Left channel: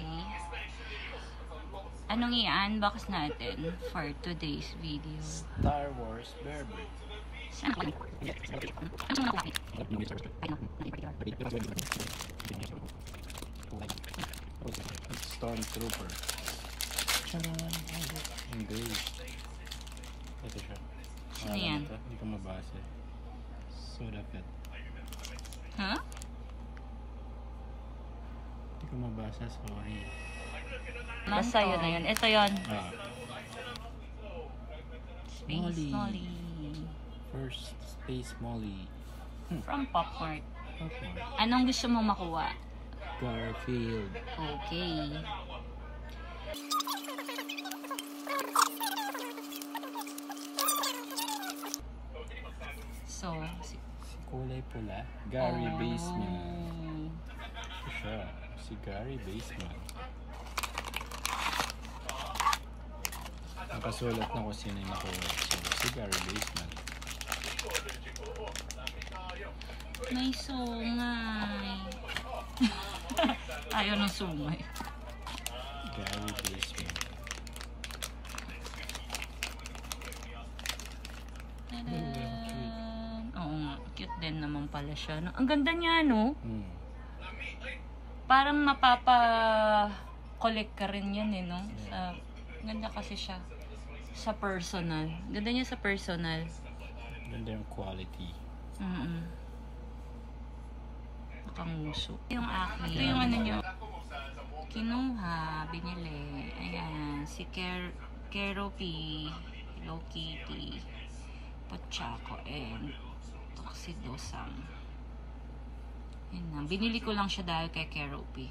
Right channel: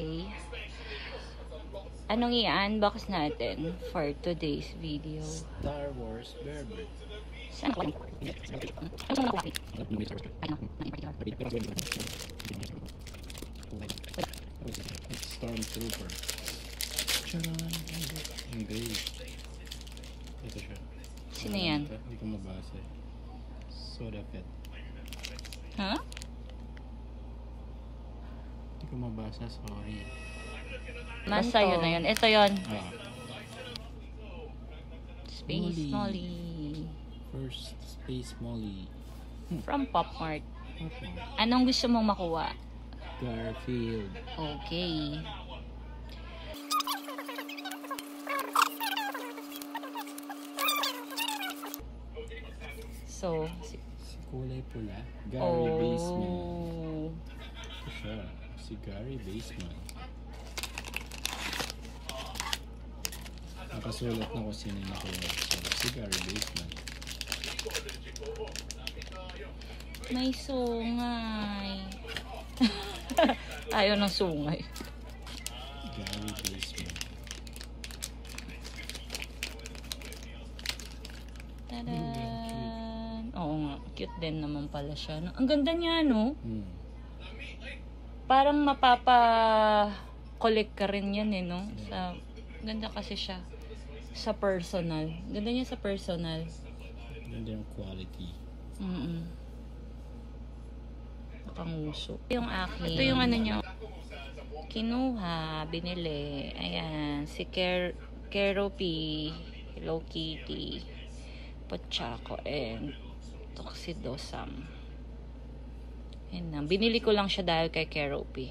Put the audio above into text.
ko. Anong i-unbox natin for today's video? Star Wars Bearbrick. Stormtrooper. Charan! Hindi. Ito siya. Sino yan? Hindi ko mabasa. Soda Fett. Ha? Hindi ko mabasa, sorry. Nasa yun na yun. Ito yun. Molly. Molly. First Space Molly. From Pop Mart. Okay. Anong gusto mong makuha? Garfield. Okay. So, Si kulay pula. Gary Baseman. Ito siya. Si Gary Baseman. Nakasulat na ko sino yung nakuha siya. Si Gary Baseman. may sungay. Ayaw ng sungay. Gary Baseman. Tada! Oo nga, cute din naman pala siya. No? Ang ganda niya, no? Parang mapapa-collect ka rin yan, eh, no? Sa, ganda kasi siya. Sa personal. Ganda niya sa personal. Ganda yung quality. Panguso. Yung akin. Ito yung ano niya. Kinuha, binili. Ayan, si Keroppi, Hello Kitty, Pochako, and Tuxedo Sam. Yan na. Binili ko lang siya dahil kay Keroppi.